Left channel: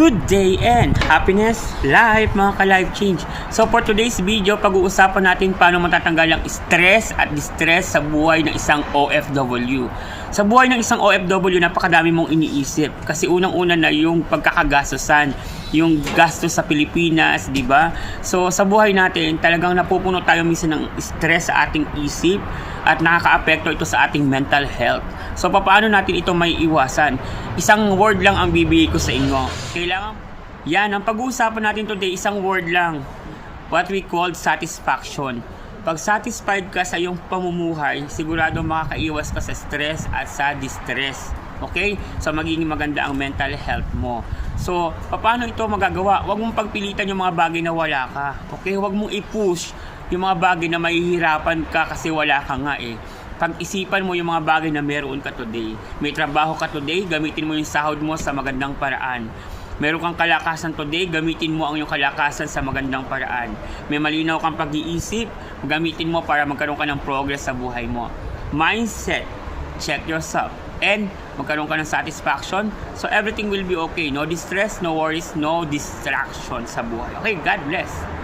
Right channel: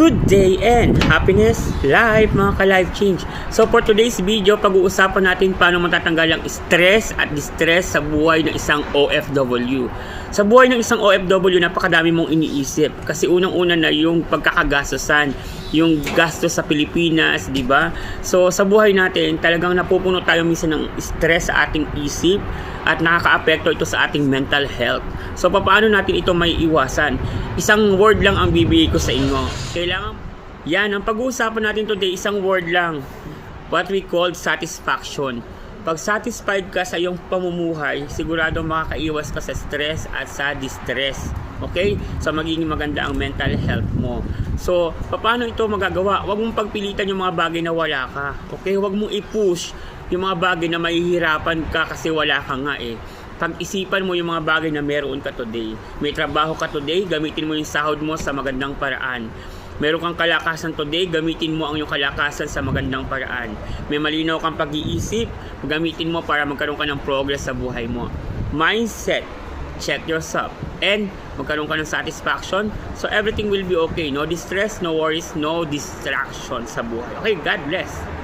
Good day and happiness life mga ka-life change. So for today's video, pag-uusapan natin paano matatanggal ang stress at distress sa buhay ng isang OFW. Sa buhay ng isang OFW, napakadami mong iniisip. Kasi unang-una na yung pagkakagastosan, yung gastos sa Pilipinas, di ba? So sa buhay natin, talagang napupuno tayo minsan ng stress sa ating isip at nakaka-apekto ito sa ating mental health. So paano natin ito may iwasan? Isang word lang ang bibigay ko sa inyo. Kailangan, yan, ang pag-uusapan natin today, isang word lang. What we call satisfaction. Pag satisfied ka sa iyong pamumuhay, sigurado makakaiwas ka sa stress at sa distress. Okay? So magiging maganda ang mental health mo. So, paano ito magagawa? Huwag mong pagpilitan yung mga bagay na wala ka. Okay? Huwag mong i-push yung mga bagay na mahihirapan ka kasi wala ka nga eh. Pag-isipan mo yung mga bagay na meron ka today. May trabaho ka today, gamitin mo yung sahod mo sa magandang paraan. Meron kang kalakasan today, gamitin mo ang iyong kalakasan sa magandang paraan. May malinaw kang pag-iisip, gamitin mo para magkaroon ka ng progress sa buhay mo. Mindset, check yourself. And magkaroon ka ng satisfaction, so everything will be okay. No distress, no worries, no distraction sa buhay. Okay, God bless.